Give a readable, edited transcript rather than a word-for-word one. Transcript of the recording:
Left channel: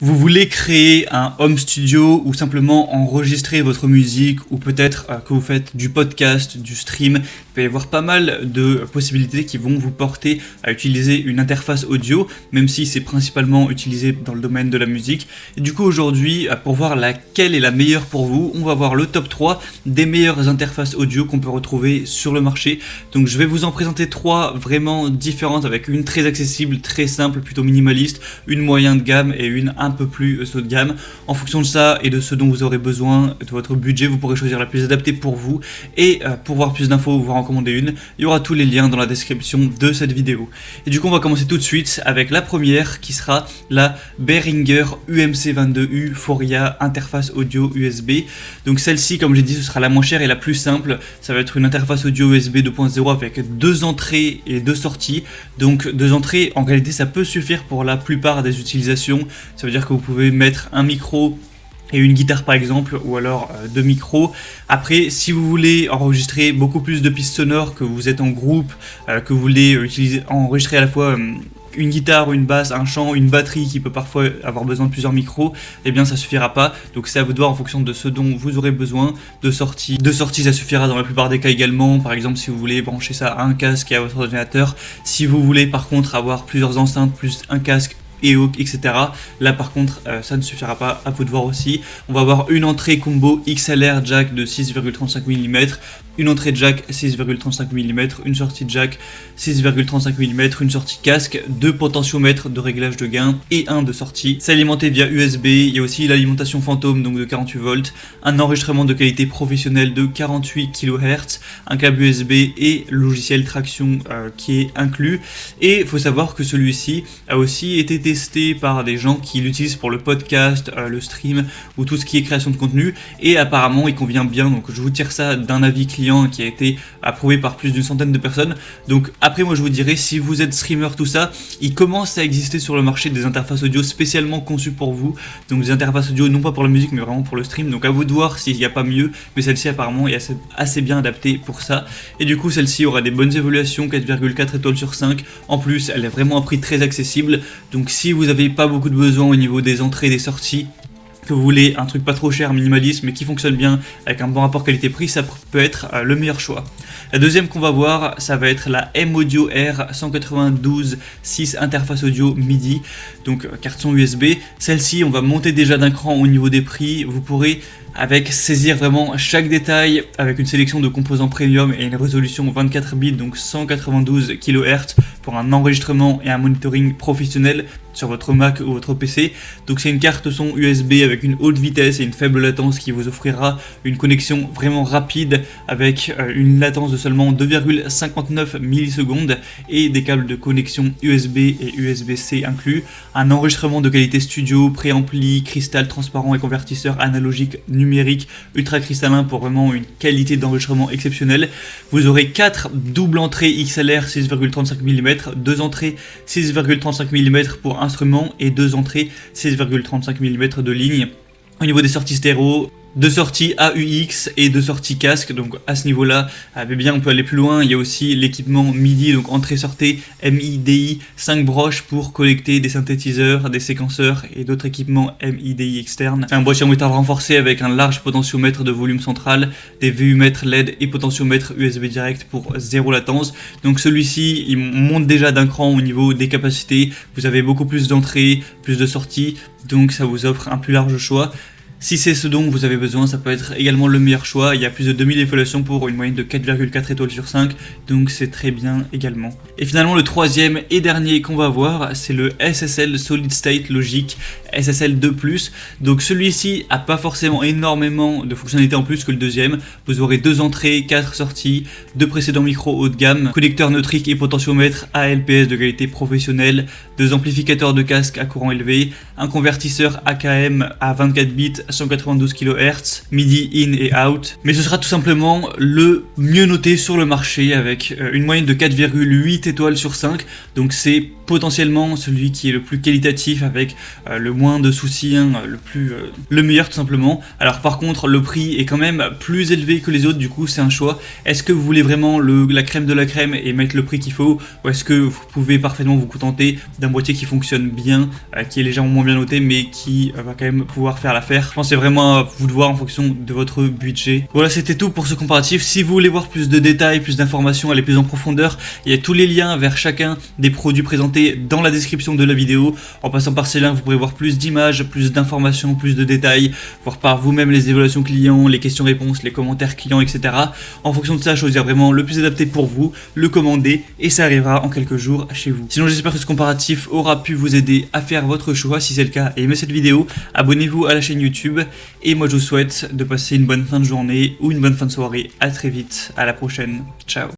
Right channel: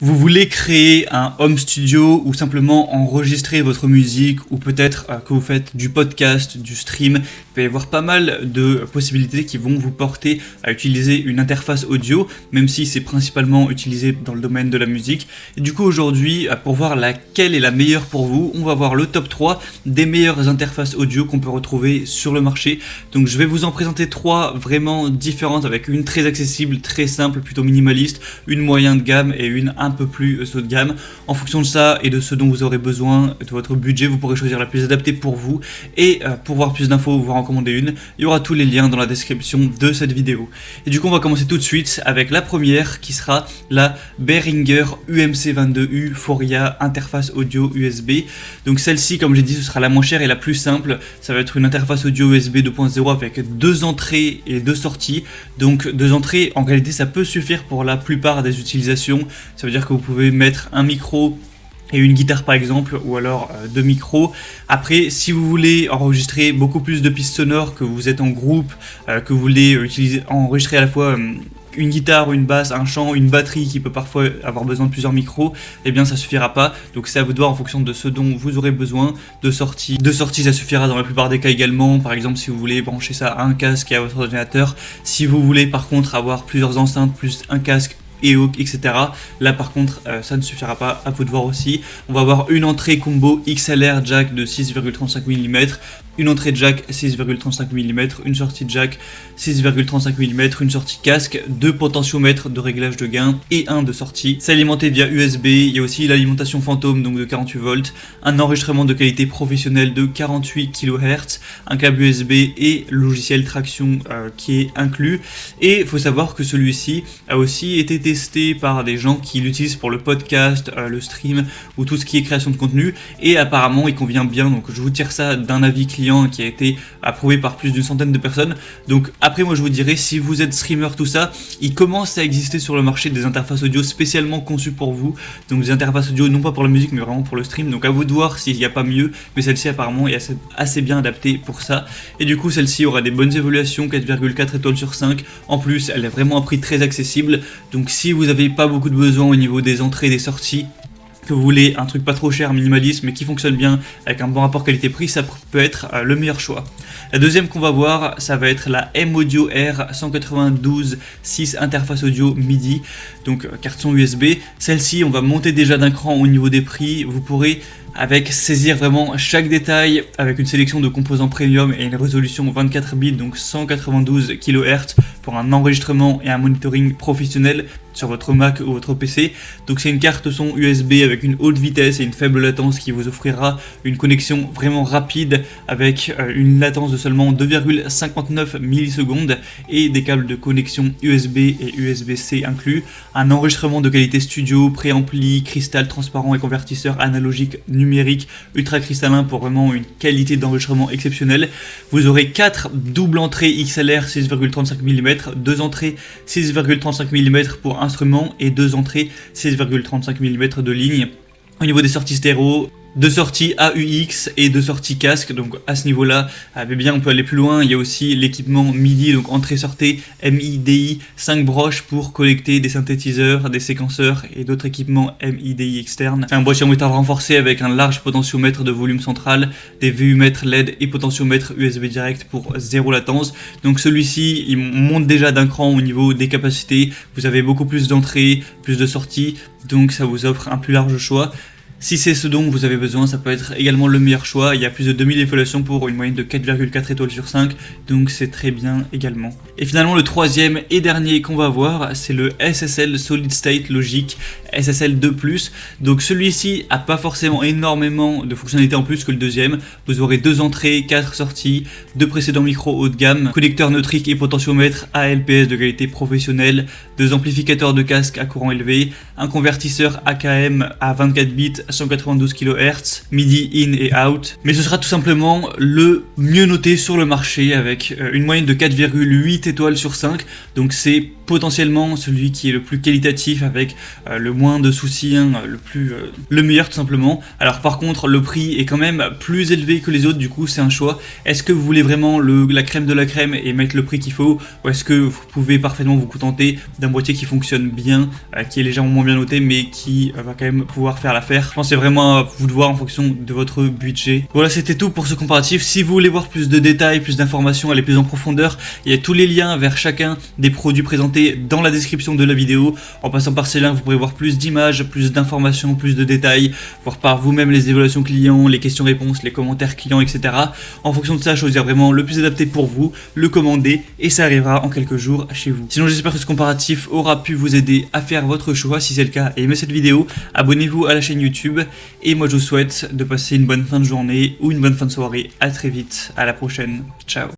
Vous voulez créer un home studio ou simplement enregistrer votre musique ou peut-être que vous faites du podcast, du stream. Il peut y avoir pas mal de possibilités qui vont vous porter à utiliser une interface audio, même si c'est principalement utilisé dans le domaine de la musique. Et du coup aujourd'hui, pour voir laquelle est la meilleure pour vous, on va voir le top 3 des meilleures interfaces audio qu'on peut retrouver sur le marché. Donc je vais vous en présenter 3 vraiment différentes avec une très accessible, très simple, plutôt minimaliste, une moyenne de gamme et une un peu plus haut de gamme. En fonction de ça et de ce dont vous aurez besoin, de votre budget, vous pourrez choisir la plus adaptée pour vous. Et pour avoir plus d'infos, vous en recommander une. Il y aura tous les liens dans la description de cette vidéo. Et du coup, on va commencer tout de suite avec la première qui sera la Behringer UMC22U Foria interface audio USB. Donc celle-ci, comme j'ai dit, ce sera la moins chère et la plus simple. Ça va être une interface audio USB 2.0 avec 2 entrées et 2 sorties. Donc 2 entrées, en réalité, ça peut suffire pour la plupart des utilisations. Ça veut dire que vous pouvez mettre un micro et une guitare par exemple, ou alors 2 micros. Après, si vous voulez enregistrer beaucoup plus de pistes sonores, que vous êtes en groupe, que vous voulez enregistrer à la fois une guitare, une basse, un chant, une batterie qui peut parfois avoir besoin de plusieurs micros, eh bien ça suffira pas. Donc c'est à vous de voir en fonction de ce dont vous aurez besoin. Deux sorties, ça suffira dans la plupart des cas également. Par exemple, si vous voulez brancher ça à un casque et à votre ordinateur. Si vous voulez par contre avoir plusieurs enceintes plus un casque et hook, etc. Là par contre ça ne suffira pas, à vous de voir aussi. On va avoir une entrée combo XLR jack de 6,35 mm, une entrée jack 6,35 mm, une sortie jack 6,35 mm, une sortie casque, 2 potentiomètres de réglage de gain et un de sortie. C'est alimenté via USB, il y a aussi l'alimentation fantôme donc de 48 volts, un enregistrement de qualité professionnelle de 48 kHz, un câble USB et logiciel traction qui est inclus. Et il faut savoir que celui-ci a aussi été testé par des gens qui l'utilisent pour le podcast, le stream ou tout ce qui est création de contenu, et apparemment il convient bien. Donc je vous tire ça d'un avis client qui a été approuvé par plus d'une centaine de personnes. Donc après moi je vous dirais, si vous êtes streamer tout ça, il commence à exister sur le marché des interfaces audio spécialement conçues pour vous, donc des interfaces audio non pas pour la musique mais vraiment pour le stream. Donc à vous de voir s'il n'y a pas mieux, mais celle-ci apparemment est assez bien adaptée pour ça. Et du coup celle-ci aura des bonnes évaluations, 4,4 étoiles sur 5. En plus elle est vraiment à prix très accessible. Donc si vous n'avez pas beaucoup de besoins au niveau des entrées et des sorties, que vous voulez un truc pas trop cher, minimaliste, mais qui fonctionne bien, avec un bon rapport qualité-prix, ça peut être le meilleur choix. La deuxième qu'on va voir, ça va être la M-Audio R 192.6 interface audio MIDI, donc carte son USB. Celle-ci, on va monter déjà d'un cran au niveau des prix. Vous pourrez saisir vraiment chaque détail avec une sélection de composants premium et une résolution 24 bits, donc 192 kHz pour un enregistrement et un monitoring professionnel sur votre Mac ou votre PC. Donc c'est une carte son USB avec une haute vitesse et une faible latence qui vous offrira une connexion vraiment rapide avec une latence de seulement 2,59 millisecondes et des câbles de connexion USB et USB-C inclus. Un enregistrement de qualité studio, pré-ampli, cristal transparent et convertisseur analogique numérique ultra cristallin pour vraiment une qualité d'enregistrement exceptionnelle. Vous aurez 4 doubles entrées XLR 6,35 mm, 2 entrées 6,35 mm pour instrument et 2 entrées 6,35 mm de ligne. Au niveau des sorties stéréo, 2 sorties AUX et 2 sorties casque, donc à ce niveau-là, bien on peut aller plus loin. Il y a aussi l'équipement MIDI, donc entrée-sortie MIDI, 5 broches pour collecter des synthétiseurs, des séquenceurs et d'autres équipements MIDI externes. C'est un boîtier en métal renforcé avec un large potentiomètre de volume central, des VU-mètres LED et potentiomètre USB direct pour 0 latence. Donc celui-ci, il monte déjà d'un cran au niveau des capacités. Vous avez beaucoup plus d'entrées, plus de sorties, donc ça vous offre un plus large choix. Si c'est ce dont vous avez besoin, ça peut être également le meilleur choix. Il y a plus de 2000 évaluations pour une moyenne de 4,4 étoiles sur 5, donc c'est très bien également. Et finalement, le troisième et dernier qu'on va voir, c'est le SSL Solid State Logic SSL 2+. Donc celui-ci a pas forcément énormément de fonctionnalités en plus que le deuxième. Vous aurez 2 entrées, 4 sorties, 2 précédents micros haut de gamme, connecteur neutrique et potentiomètre ALPS de qualité professionnelle, 2 amplificateurs de casque à courant élevé, un convertisseur AKM à 24 bits 192 kHz, MIDI in et out. Mais ce sera tout simplement le mieux noté sur le marché avec une moyenne de 4,8 étoiles sur 5. Donc c'est potentiellement celui qui est le plus qualitatif avec le moins de soucis, hein, le meilleur tout simplement. Alors par contre le prix est quand même plus élevé que les autres, du coup c'est un choix. Est-ce que vous voulez vraiment la crème de la crème et mettre le prix qu'il faut, ou est-ce que vous pouvez parfaitement vous contenter d'un boîtier qui fonctionne bien, qui est légèrement moins bien noté mais qui va quand même pouvoir faire l'affaire? Je pense que c'est vraiment à vous de voir en fonction de votre budget. Voilà, c'était tout pour ce comparatif. Si vous voulez voir plus de détails, plus d'informations, aller plus en profondeur, il y a tous les liens vers chacun des produits présentés dans la description de la vidéo. En passant par ces liens, vous pourrez voir plus d'images, plus d'informations, plus de détails, voir par vous-même les évaluations clients, les questions-réponses, les commentaires clients, etc. En fonction de ça, choisir vraiment le plus adapté pour vous, le commander, et ça arrivera en quelques jours chez vous. Sinon, j'espère que ce comparatif aura pu vous aider à faire votre choix. Si c'est le cas, aimez cette vidéo, abonnez-vous à la chaîne YouTube, et moi je vous souhaite de passer une bonne fin de journée ou une bonne fin de soirée. À très vite, à la prochaine, ciao.